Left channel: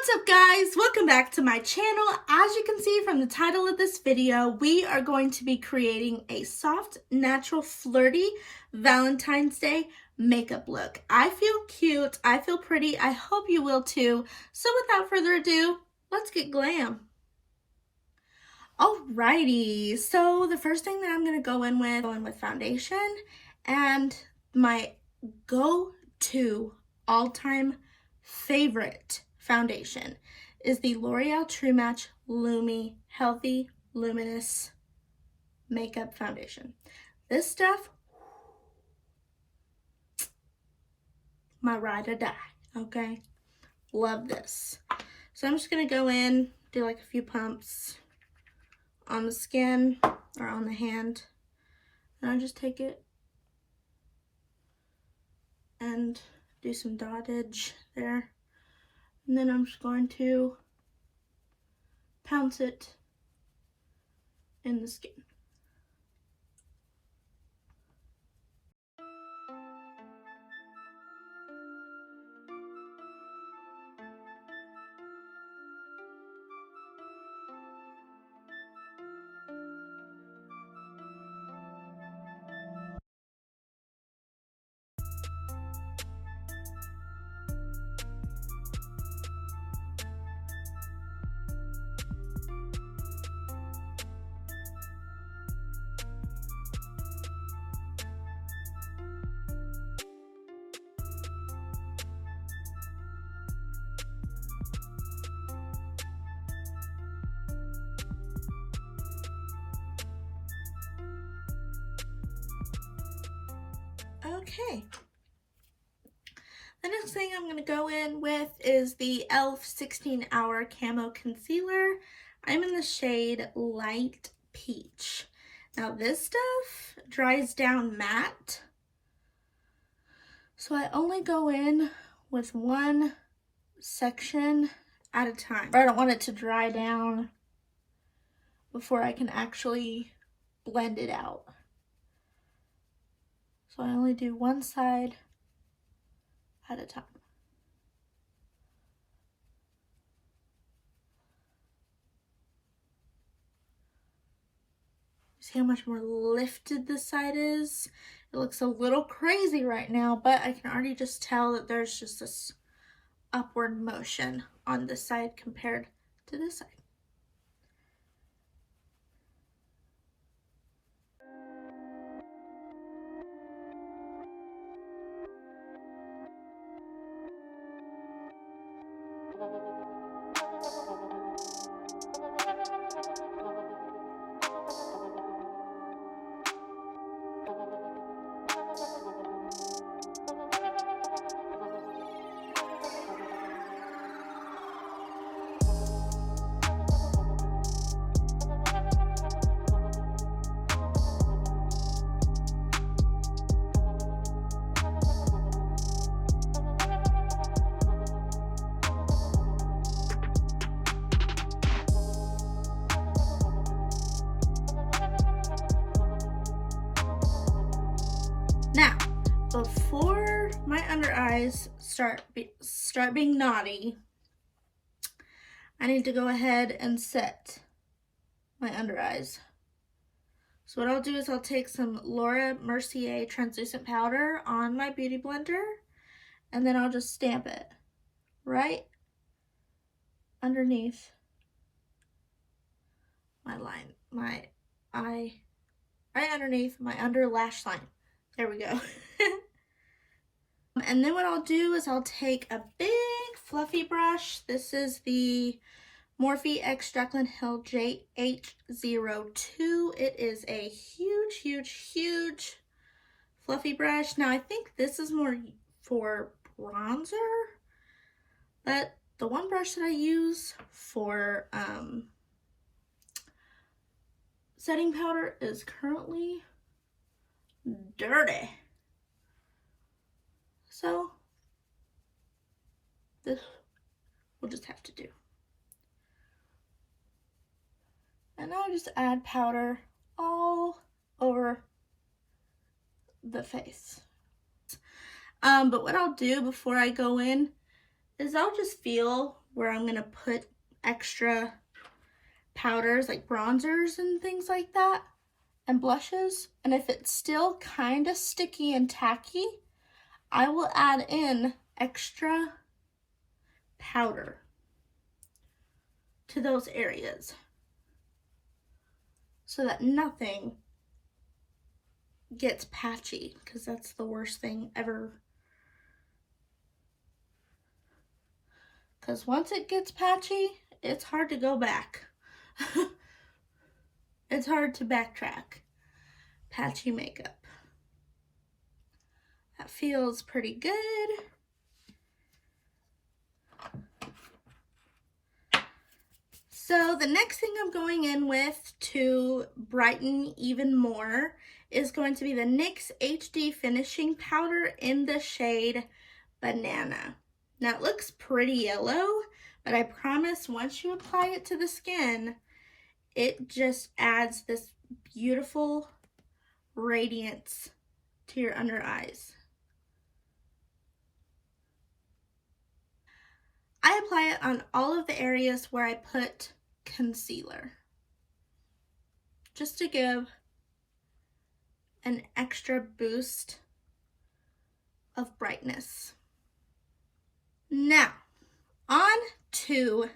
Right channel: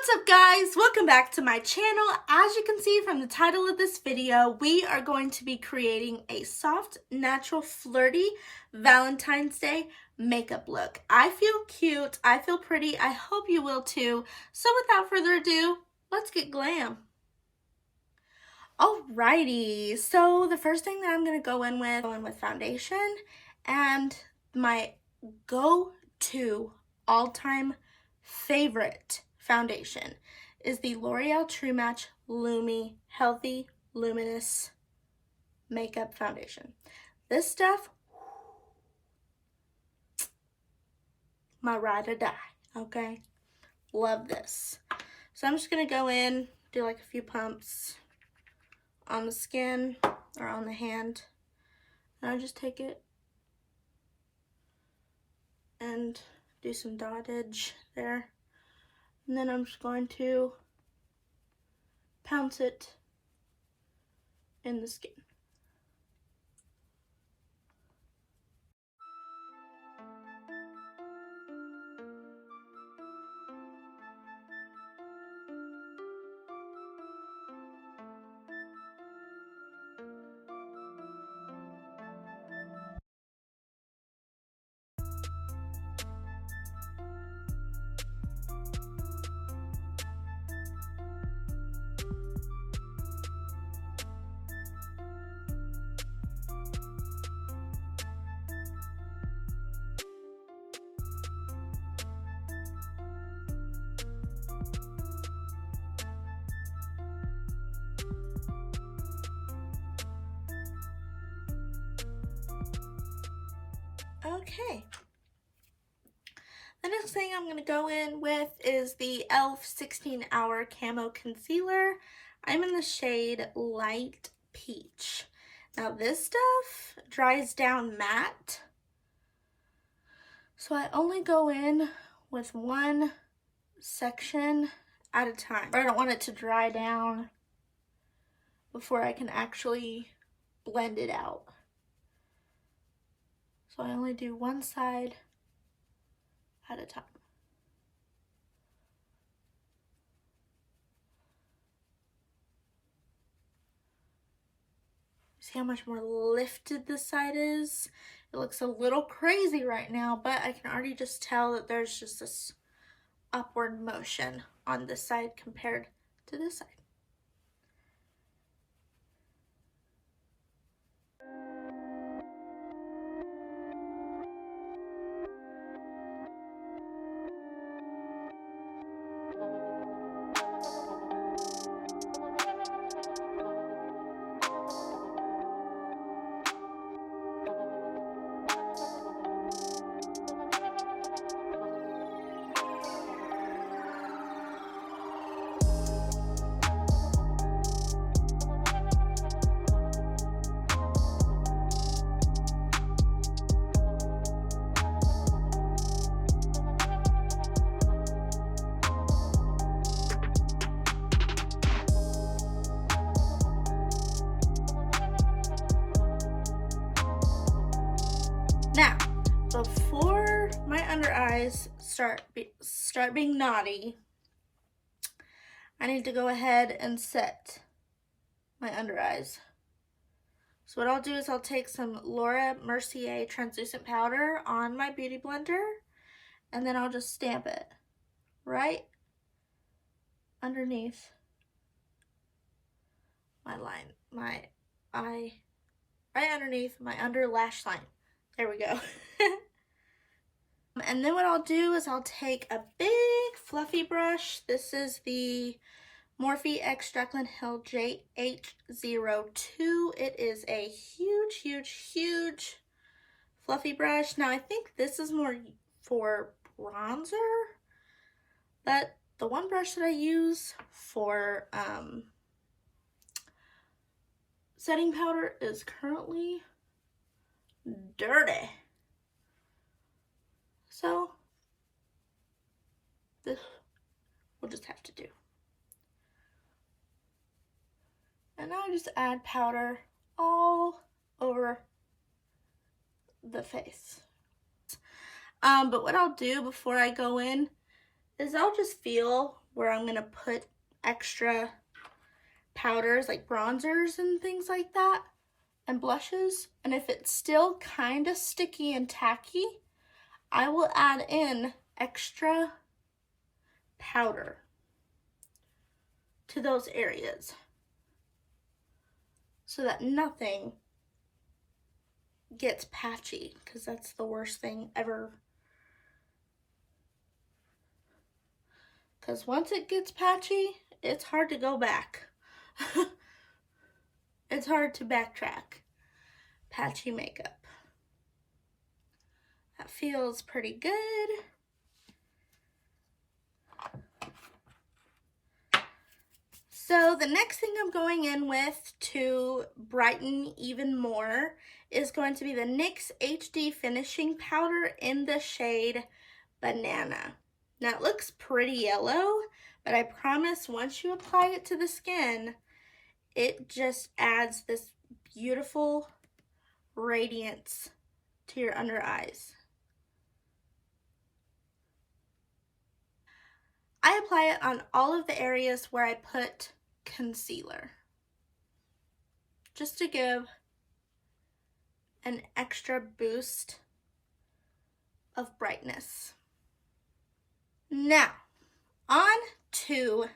What's up guys, welcome back to my channel. As you can see from the title of this video, we are going to be creating a soft, natural, flirty Valentine's Day makeup look. I feel cute, I feel pretty, I hope you will too. So without further ado, let's get glam. Alrighty, so the first thing that I'm going to go in with foundation, and my go-to all-time favorite foundation is the L'Oreal TrueMatch LUMI Healthy Luminous Makeup Foundation. This stuff, my ride or die, okay? Love this. So I'm just gonna go in, do like a few pumps on the skin or on the hand, and I'll just take it and do some dottage there. And then I'm just going to pounce it in the skin. Okay, the next thing I'm going to go in with is the e.l.f. 16-Hour Camo Concealer. I'm in the shade Light Peach. Now this stuff dries down matte, so I only go in with one section at a time. I don't want it to dry down before I can actually blend it out. So I only do one side at a time. See how much more lifted this side is? It looks a little crazy right now, but I can already just tell that there's just this upward motion on this side compared to this side. Now, before my under eyes start being naughty, I need to go ahead and set my under eyes. So what I'll do is I'll take some Mercier translucent powder on my beauty blender, and then I'll just stamp it right underneath my line, right underneath my under lash line. There we go. And then what I'll do is I'll take a big fluffy brush. This is the Morphe x Jaclyn Hill JH02. It is a huge fluffy brush. Now I think this is more for bronzer, but the one brush that I use for setting powder is currently dirty. So this we'll just have to do. And now I just add powder all over the face. But what I'll do before I go in is I'll just feel where I'm gonna put extra powders like bronzers and things like that and blushes, and if it's still kind of sticky and tacky, I will add in extra powder to those areas so that nothing gets patchy, because that's the worst thing ever. Because once it gets patchy, it's hard to go back. It's hard to backtrack. Patchy makeup. That feels pretty good. So the next thing I'm going in with to brighten even more is going to be the NYX HD Finishing Powder in the shade Banana. Now it looks pretty yellow, but I promise once you apply it to the skin, it just adds this beautiful radiance to your under eyes. I apply it on all of the areas where I put concealer, just to give an extra boost of brightness. Now, on to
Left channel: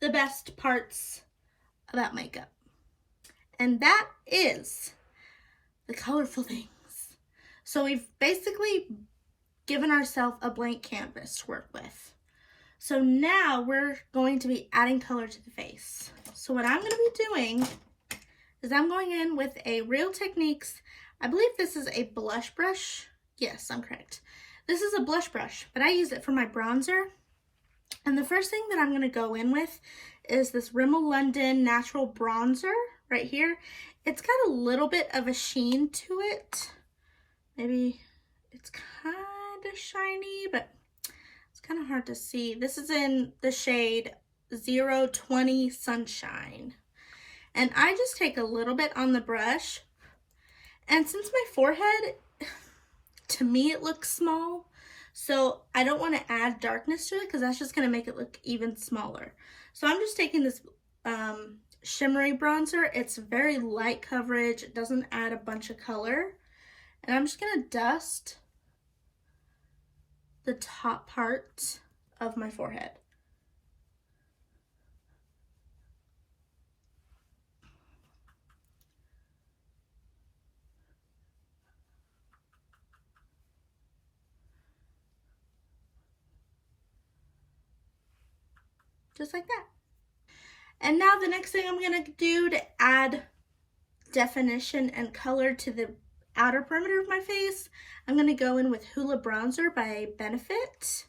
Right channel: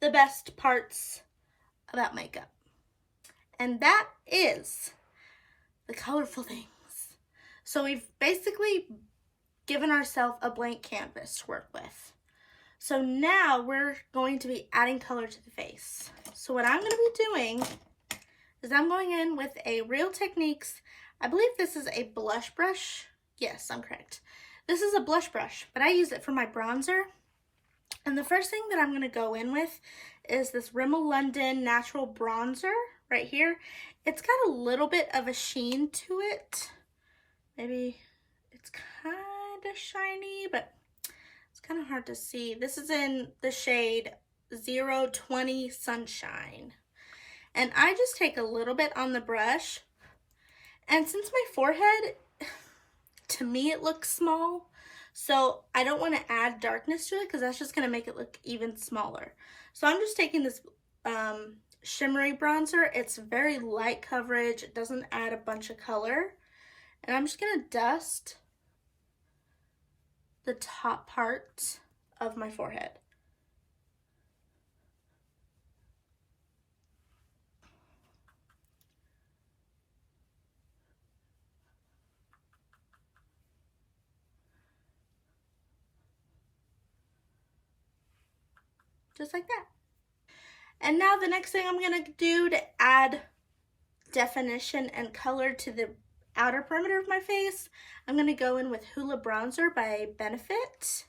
the best parts about makeup, and that is the colorful things. So we've basically given ourselves a blank canvas to work with. So now we're going to be adding color to the face. So what I'm going to be doing is I'm going in with a Real Techniques, I believe this is a blush brush. Yes, I'm correct. This is a blush brush, but I use it for my bronzer. And the first thing that I'm going to go in with is this Rimmel London Natural Bronzer right here. It's got a little bit of a sheen to it. Maybe it's kind of shiny, but it's kind of hard to see. This is in the shade 020 Sunshine. And I just take a little bit on the brush. And since my forehead, to me, it looks small, so I don't want to add darkness to it because that's just going to make it look even smaller. So I'm just taking this shimmery bronzer. It's very light coverage. It doesn't add a bunch of color. And I'm just going to dust the top part of my forehead. Just like that. And now the next thing I'm going to do to add definition and color to the outer perimeter of my face, I'm going to go in with Hoola Bronzer by Benefit.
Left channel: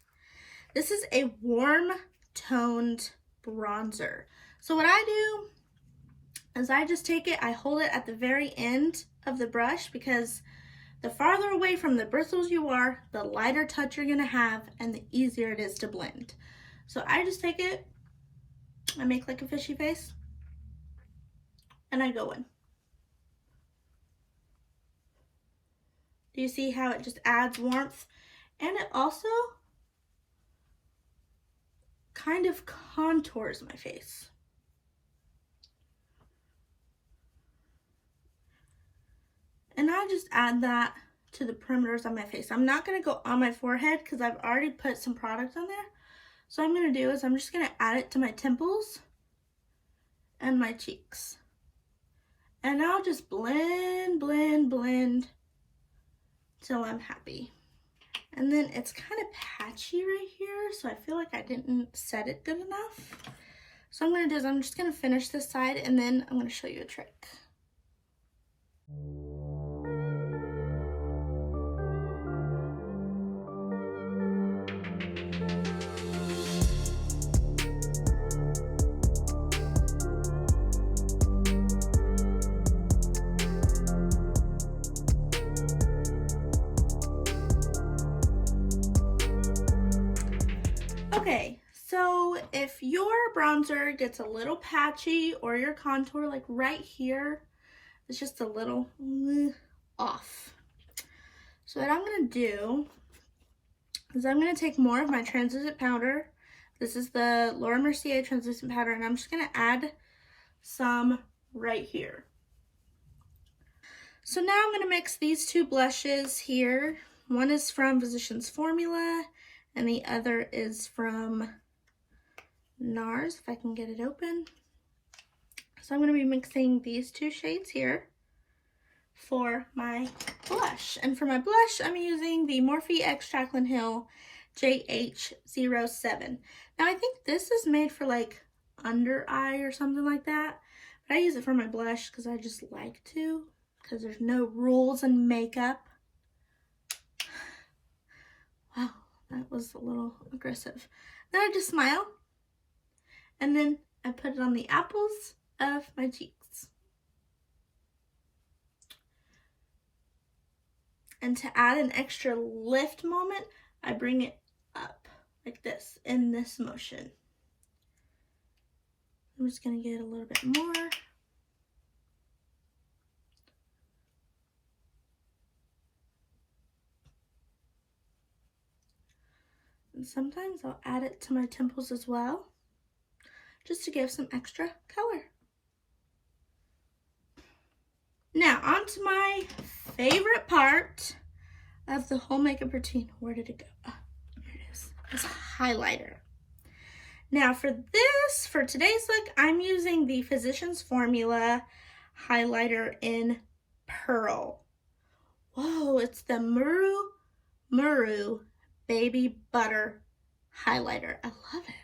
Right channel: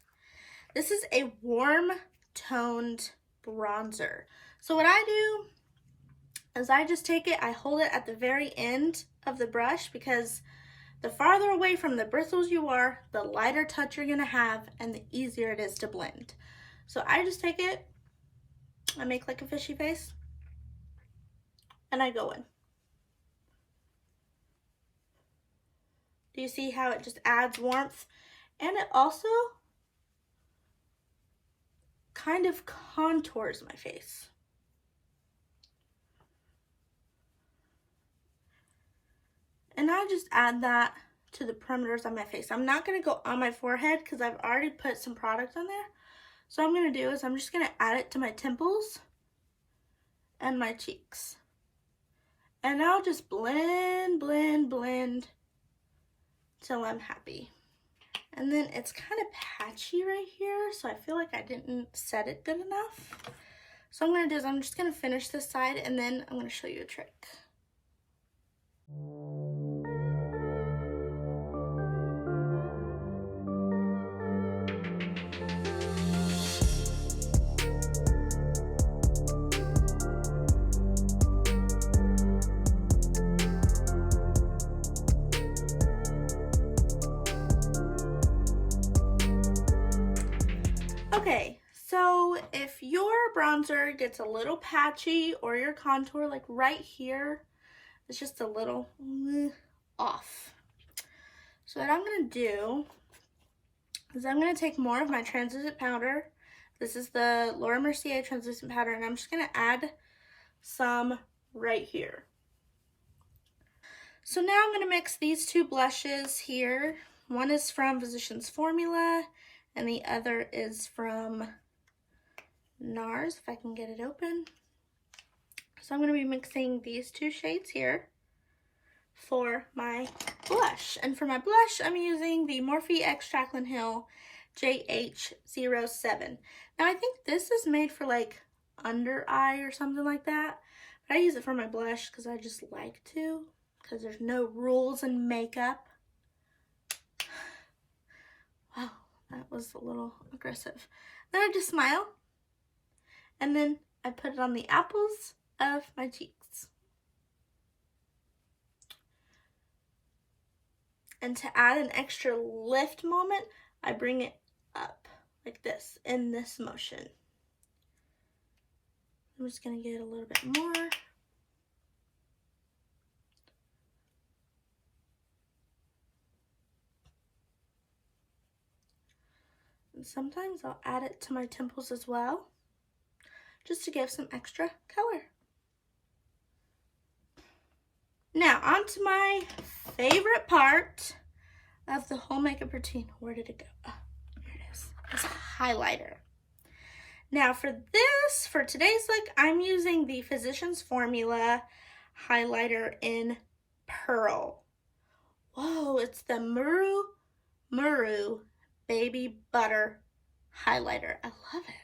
This is a warm toned bronzer. So what I do is I just take it, I hold it at the very end of the brush, because the farther away from the bristles you are, the lighter touch you're going to have and the easier it is to blend. So I just take it, I make like a fishy face, and I go in. Do you see how it just adds warmth? And it also kind of contours my face. And I just add that to the perimeters of my face. I'm not going to go on my forehead because I've already put some product on there. So what I'm going to do is I'm just going to add it to my temples and my cheeks. And I'll just blend, blend, blend till I'm happy. And then it's kind of patchy right here, so I feel like I didn't set it good enough. So what I'm going to do is I'm just going to finish this side, and then I'm going to show you a trick. Okay, so if your bronzer gets a little patchy or your contour, like right here, it's just a little off. So what I'm going to do is I'm going to take more of my translucent powder. This is the Laura Mercier translucent powder, and I'm just going to add some right here. So now I'm going to mix these two blushes here. One is from Physicians Formula, and the other is from NARS, if I can get it open. So I'm going to be mixing these two shades here for my blush. And for my blush, I'm using the Morphe x Jaclyn Hill JH07. Now I think this is made for like under eye or something like that, but I use it for my blush because I just like to, because there's no rules in makeup. Wow, that was a little aggressive. Then I just smile, and then I put it on the apples of my cheeks. And to add an extra lift moment, I bring it up like this in this motion. I'm just going to get a little bit more. And sometimes I'll add it to my temples as well, just to give some extra color. Now, on to my favorite part of the whole makeup routine. Where did it go? Oh, here it is. It's highlighter. Now, for today's look, I'm using the Physicians Formula highlighter in Pearl. Whoa, it's the Muru Baby Butter highlighter. I love it.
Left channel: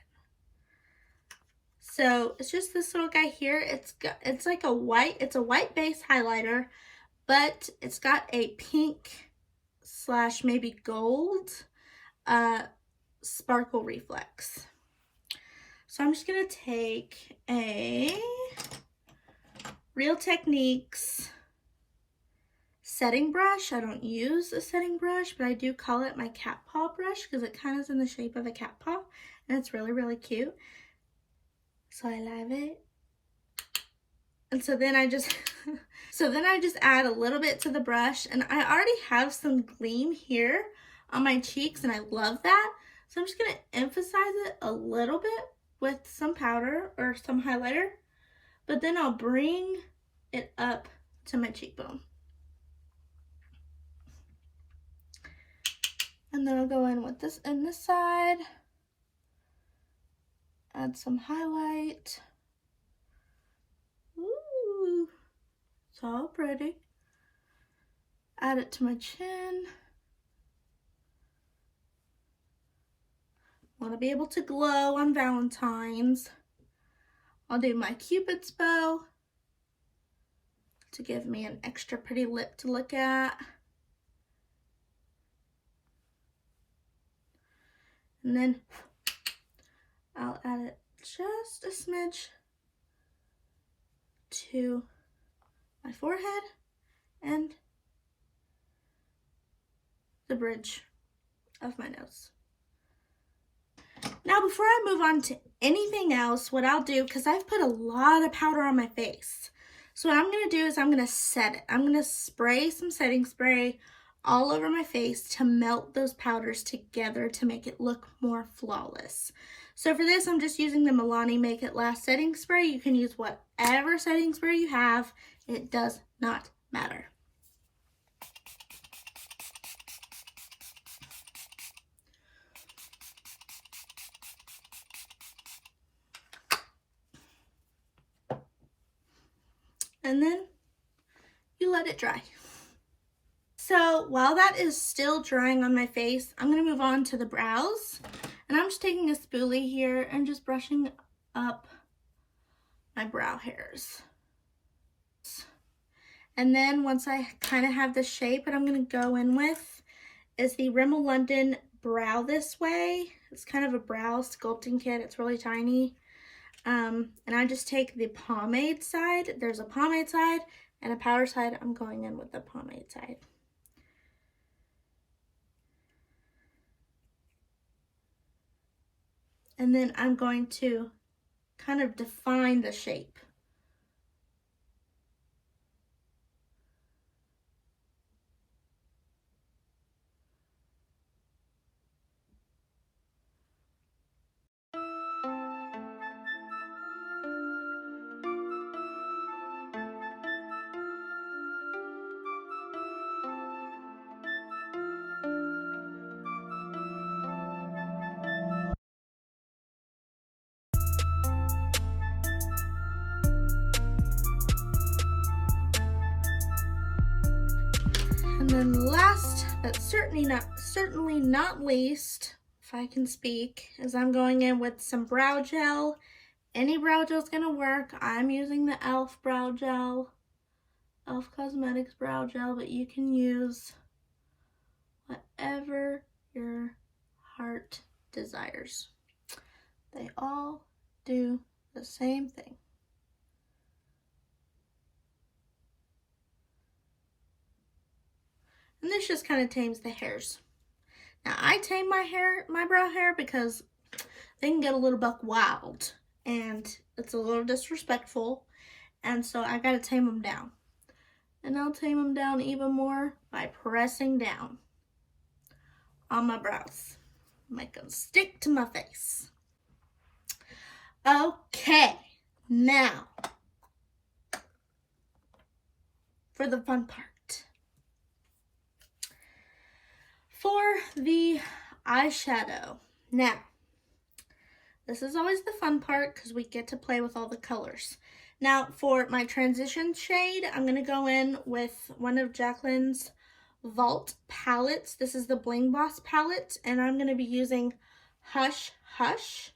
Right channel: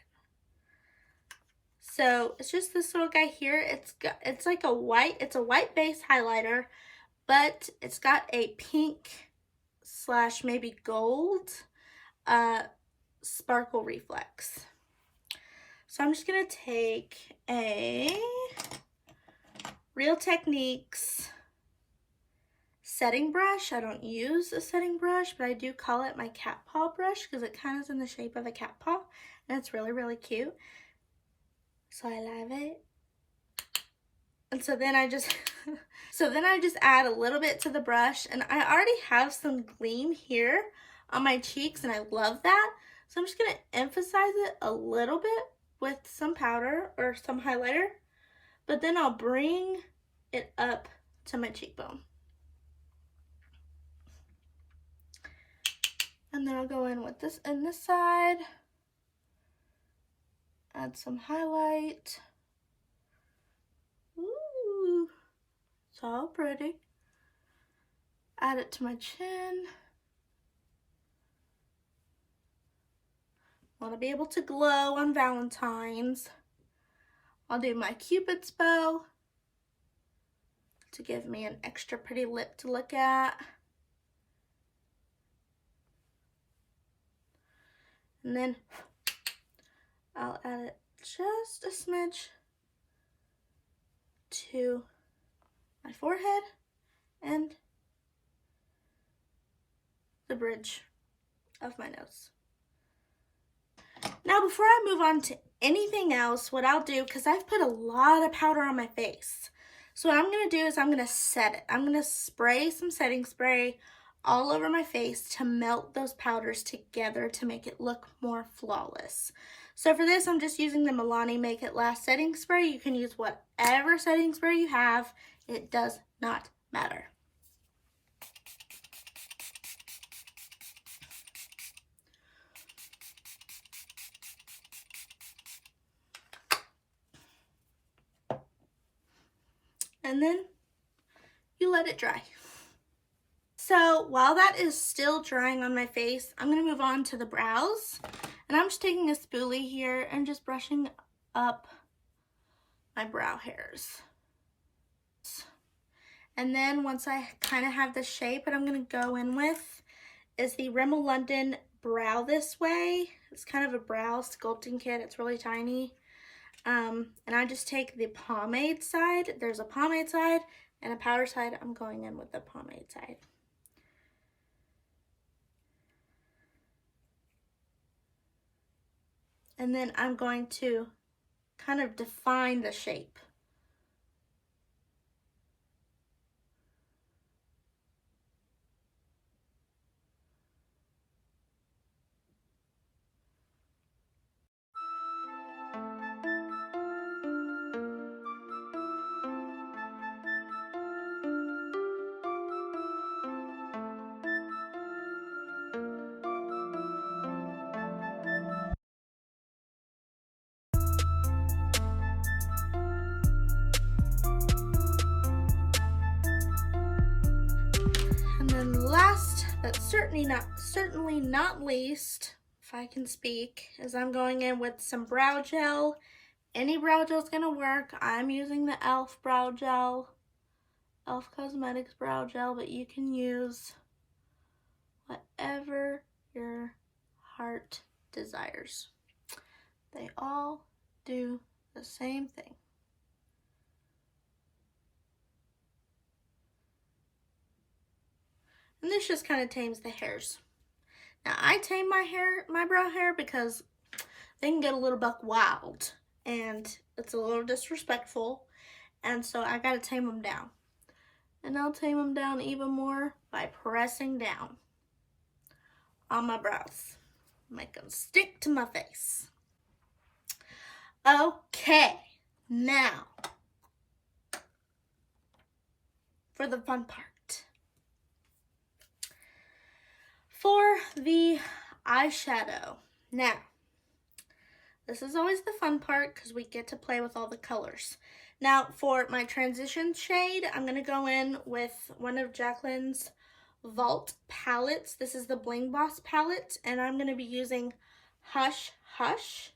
So it's just this little guy here. It's like a white base highlighter, but it's got a pink / maybe gold sparkle reflex. So I'm just gonna take a Real Techniques setting brush. I don't use a setting brush, but I do call it my cat paw brush because it kind of is in the shape of a cat paw, and it's really, really cute. So I love it. And so then I just add a little bit to the brush, and I already have some gleam here on my cheeks, and I love that. So I'm just gonna emphasize it a little bit with some powder or some highlighter, but then I'll bring it up to my cheekbone. And then I'll go in with this in this side. Add some highlight. Ooh, so pretty. Add it to my chin. Want to be able to glow on Valentine's. I'll do my Cupid's bow to give me an extra pretty lip to look at. And then I'll add it just a smidge to my forehead and the bridge of my nose. Now, before I move on to anything else, what I'll do, because I've put a lot of powder on my face, so what I'm going to do is I'm going to set it. I'm going to spray some setting spray all over my face to melt those powders together to make it look more flawless. So for this, I'm just using the Melani Make It Last setting spray. You can use whatever setting spray you have. It does not matter. And then you let it dry. So while that is still drying on my face, I'm going to move on to the brows. And I'm just taking a spoolie here and just brushing up my brow hairs. And then once I kind of have the shape, what I'm going to go in with is the Rimmel London Brow This Way. It's kind of a brow sculpting kit. It's really tiny. And I just take the pomade side. There's a pomade side and a powder side. I'm going in with the pomade side. And then I'm going to kind of define the shape. then last, but certainly not least, if I can speak, is I'm going in with some brow gel. Any brow gel is gonna work. I'm using the e.l.f. brow gel, e.l.f. Cosmetics brow gel, but you can use whatever your heart desires. They all do the same thing. And this just kind of tames the hairs. Now I tame my brow hair because they can get a little buck wild and it's a little disrespectful, and so I gotta tame them down. And I'll tame them down even more by pressing down on my brows. Make them stick to my face. Okay, now for the fun part. For the eyeshadow. Now, this is always the fun part because we get to play with all the colors. Now, for my transition shade, I'm going to go in with one of Jaclyn's Vault palettes. This is the Bling Boss palette, and I'm going to be using Hush Hush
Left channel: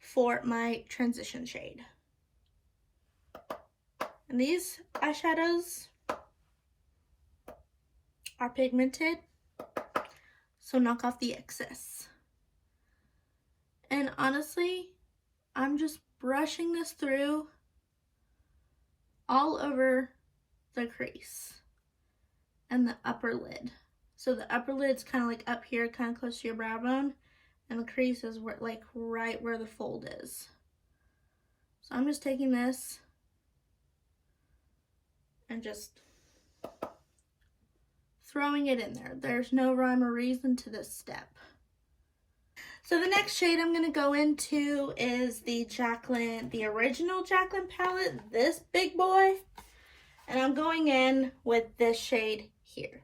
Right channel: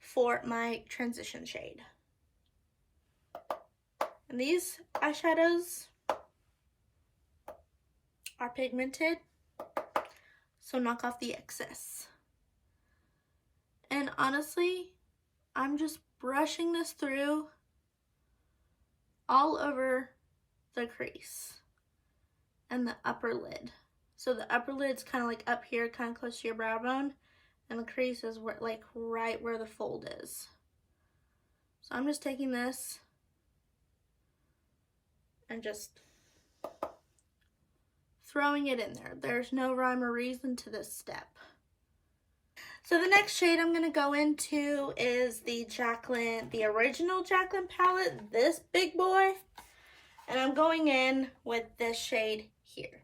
for my transition shade. And these eyeshadows are pigmented, so knock off the excess. And honestly, I'm just brushing this through all over the crease and the upper lid. So the upper lid's kind of like up here, kind of close to your brow bone, and the crease is where, like right where the fold is. So I'm just taking this and just throwing it in there. There's no rhyme or reason to this step. So the next shade I'm going to go into is the Jaclyn, the original Jaclyn palette, this big boy. And I'm going in with this shade here.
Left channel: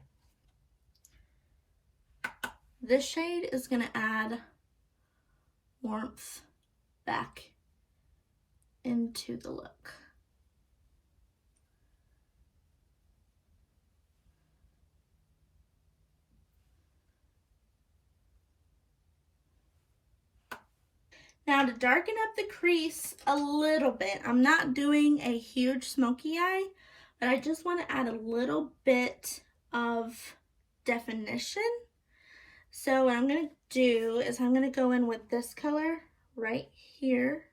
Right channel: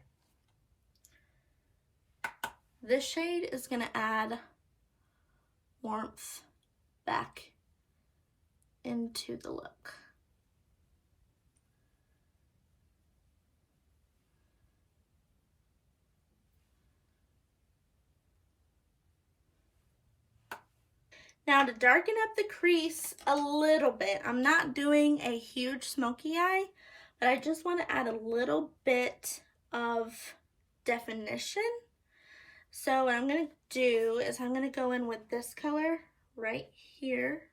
This shade is going to add warmth back into the look. Now to darken up the crease a little bit, I'm not doing a huge smoky eye, but I just want to add a little bit of definition. So what I'm going to do is I'm going to go in with this color right here.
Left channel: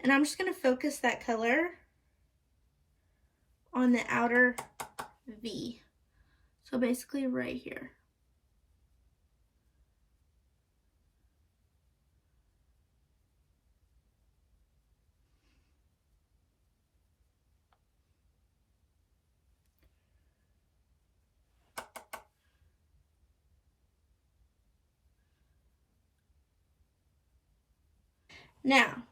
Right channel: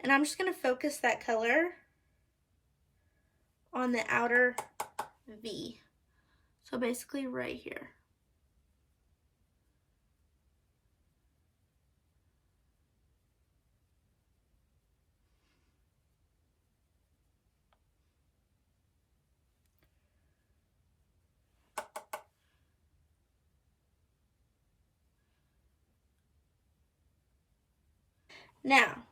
And I'm just going to focus that color on the outer V. So basically right here. Now,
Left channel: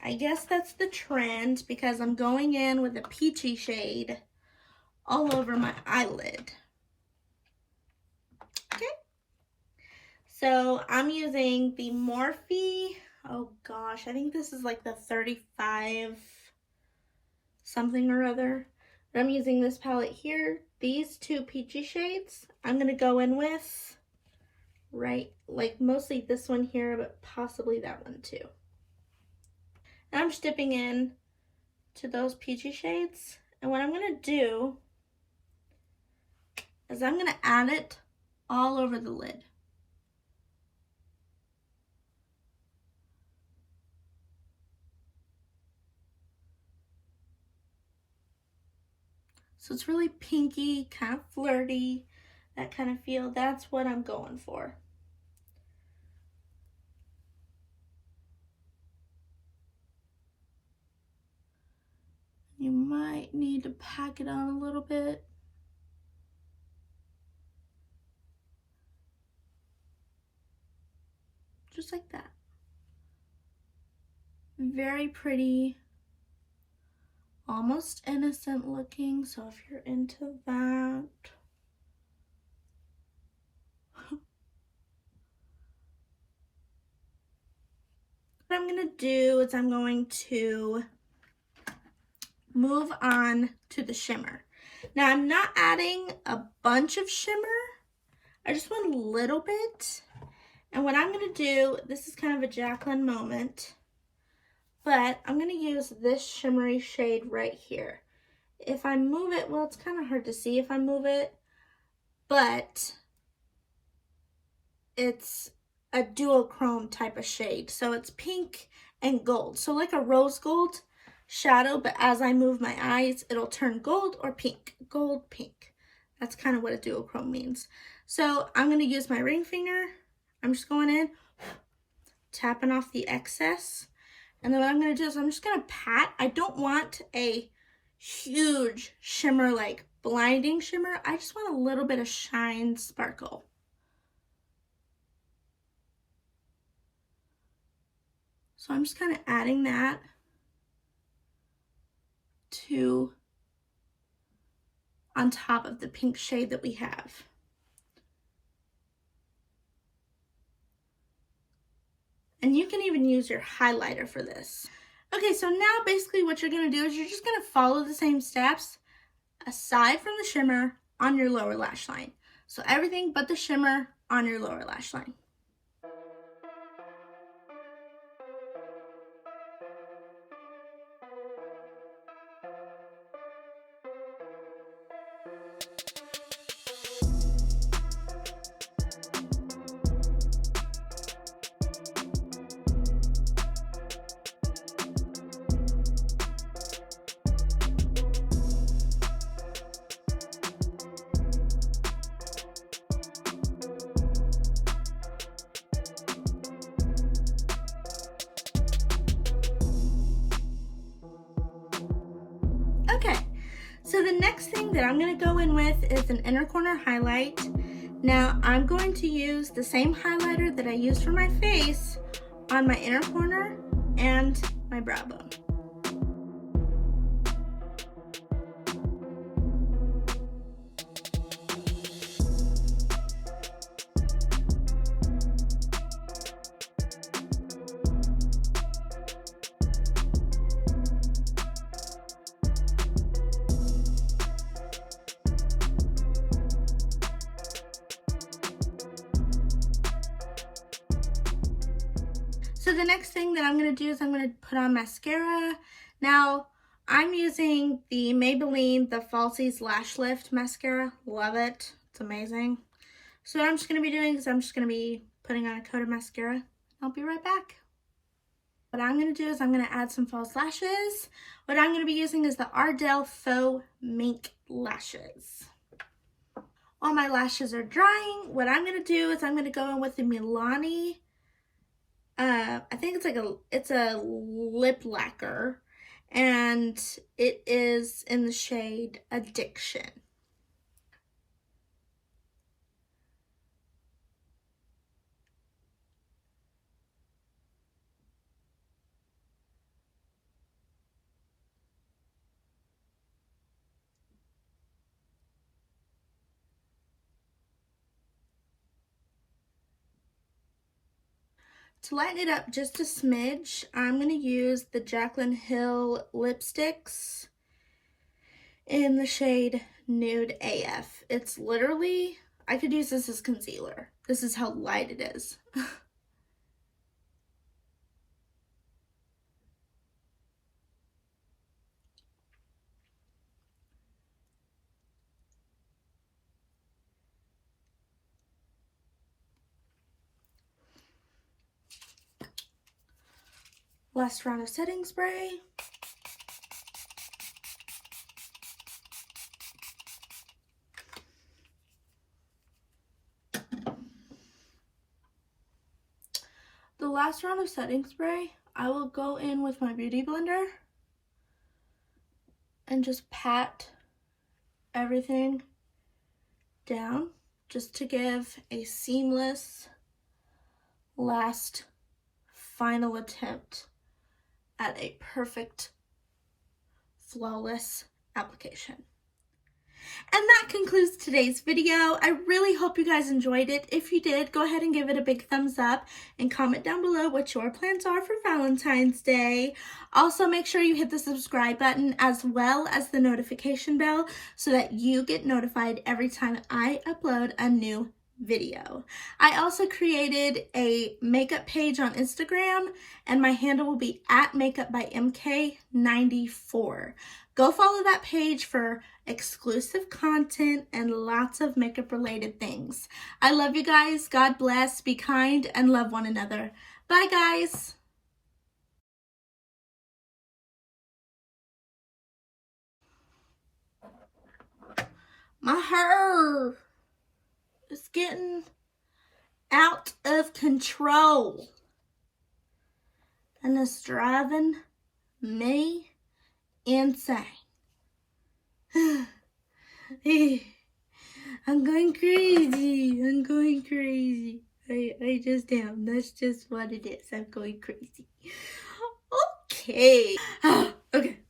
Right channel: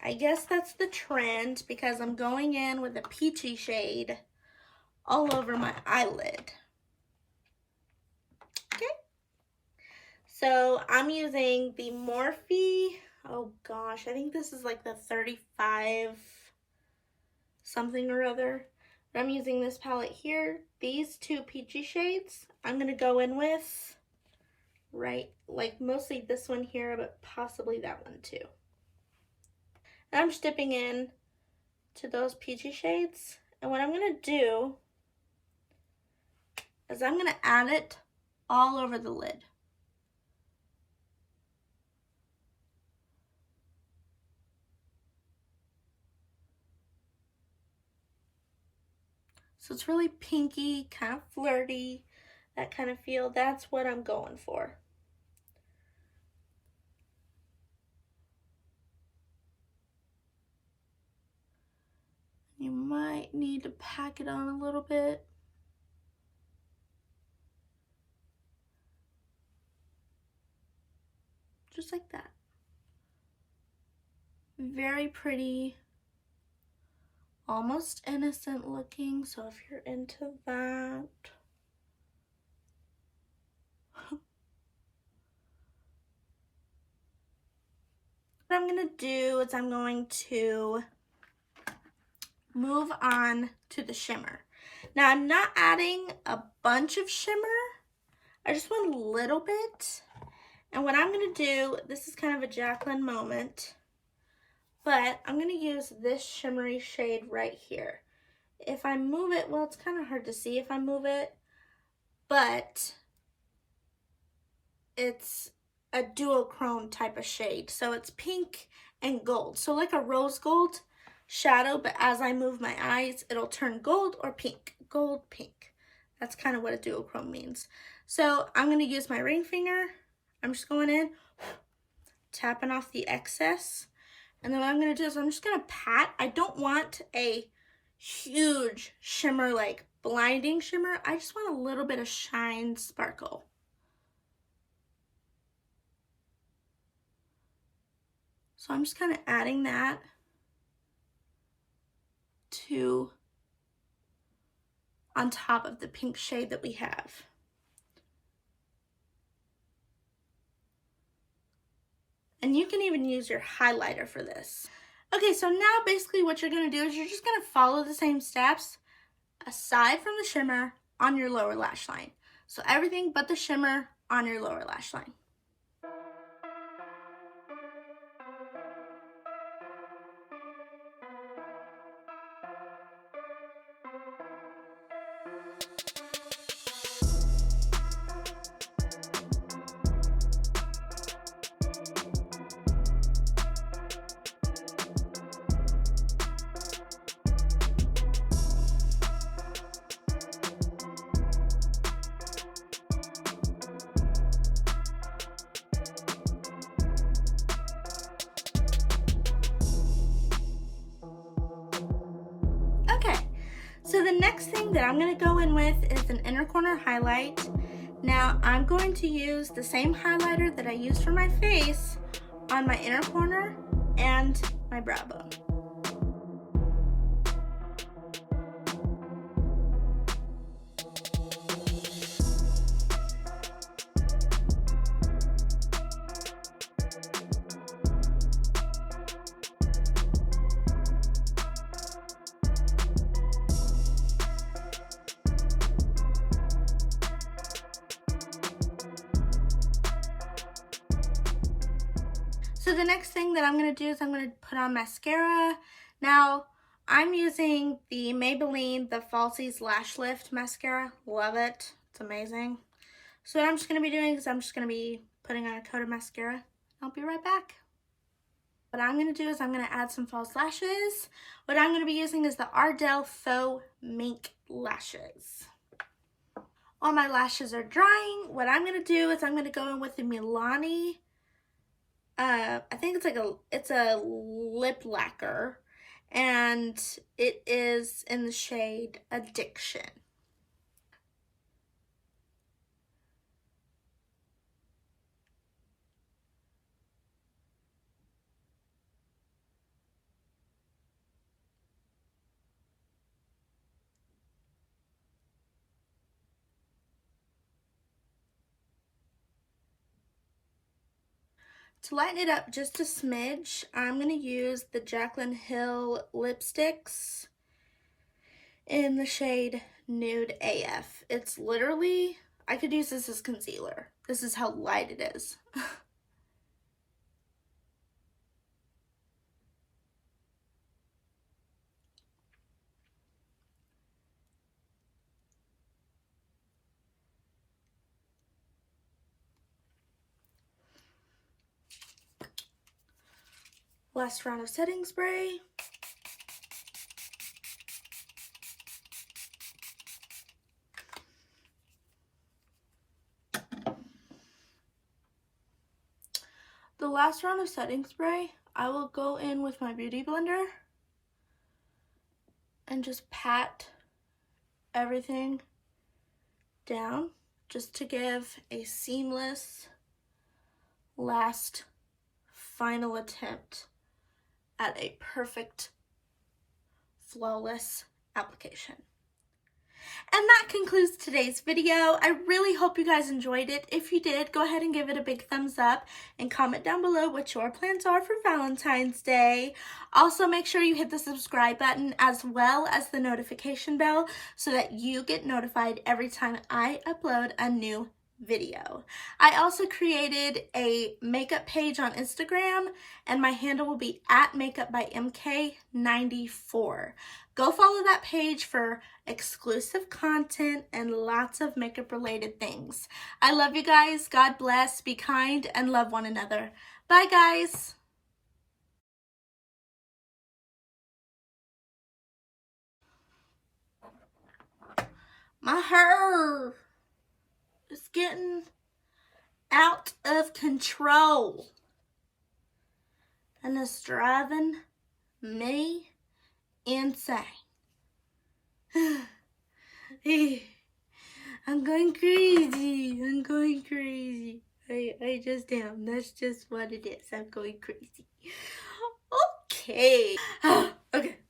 I guess that's the trend because I'm going in with a peachy shade all over my eyelid. Okay. So I'm using the Morphe, oh gosh, I think this is like the 35 something or other. But I'm using this palette here. These two peachy shades I'm going to go in with, right, like mostly this one here, but possibly that one too. And I'm just dipping in to those peachy shades. And what I'm going to do is I'm going to add it all over the lid. So it's really pinky, kind of flirty, that kind of feel. That's what I'm going for. You might need to pack it on a little bit. Just like that. Very pretty, almost innocent looking, so if you're into that. What I'm going to do is I'm going to move on to the shimmer. Now I'm not adding a bunch of shimmer. I just want a little bit. And what I'm gonna do, this is kind of a Jaclyn moment, but I'm gonna use this shimmery shade right here. If I move it, well, it's kind of hard to see if I move it, but it's a duochrome type of shade. So it's pink and gold. So like a rose gold shadow, but as I move my eyes, it'll turn gold or pink. Gold, pink. That's kind of what a duochrome means. So I'm going to use my ring finger. I'm just going in, tapping off the excess. And then what I'm going to do is I'm just going to pat. I don't want a huge shimmer, like blinding shimmer. I just want a little bit of shine, sparkle. So I'm just kind of adding that to on top of the pink shade that we have. And you can even use your highlighter for this. Okay, so now basically what you're gonna do is you're just gonna follow the same steps aside from the shimmer on your lower lash line. So everything but the shimmer on your lower lash line. Okay, so the next thing that I'm going to go in with is an inner corner highlight. Now I'm going to use the same highlighter that I used for my face on my inner corner and my brow bone. So the next thing that I'm going to do is I'm going to put on mascara. Now, I'm using the Maybelline, the Falsies Lash Lift Mascara. Love it. It's amazing. So what I'm just going to be doing is I'm just going to be putting on a coat of mascara. I'll be right back. What I'm going to do is I'm going to add some false lashes. What I'm going to be using is the Ardell Faux Mink lashes. While my lashes are drying, what I'm going to do is I'm going to go in with the Melani. I think it's a lip lacquer, and it is in the shade Addiction. To lighten it up just a smidge, I'm going to use the Jaclyn Hill lipsticks in the shade Nude AF. It's literally, I could use this as concealer. This is how light it is. Last round of setting spray. The last round of setting spray, I will go in with my beauty blender and just pat everything down just to give a seamless last final attempt at a perfect, flawless application. And that concludes today's video. I really hope you guys enjoyed it. If you did, go ahead and give it a big thumbs up and comment down below what your plans are for Valentine's Day. Also, make sure you hit the subscribe button as well as the notification bell so that you get notified every time I upload a new video. I also created a makeup page on Instagram, and my handle will be @makeupbymk94. Go follow that page for exclusive content and lots of makeup related things. I love you guys. God bless. Be kind and love one another. Bye, guys. My hair is getting out of control, and it's driving me insane. I'm going crazy. I'm going crazy. I just am. That's just what it is. I'm going crazy. Okay. Okay.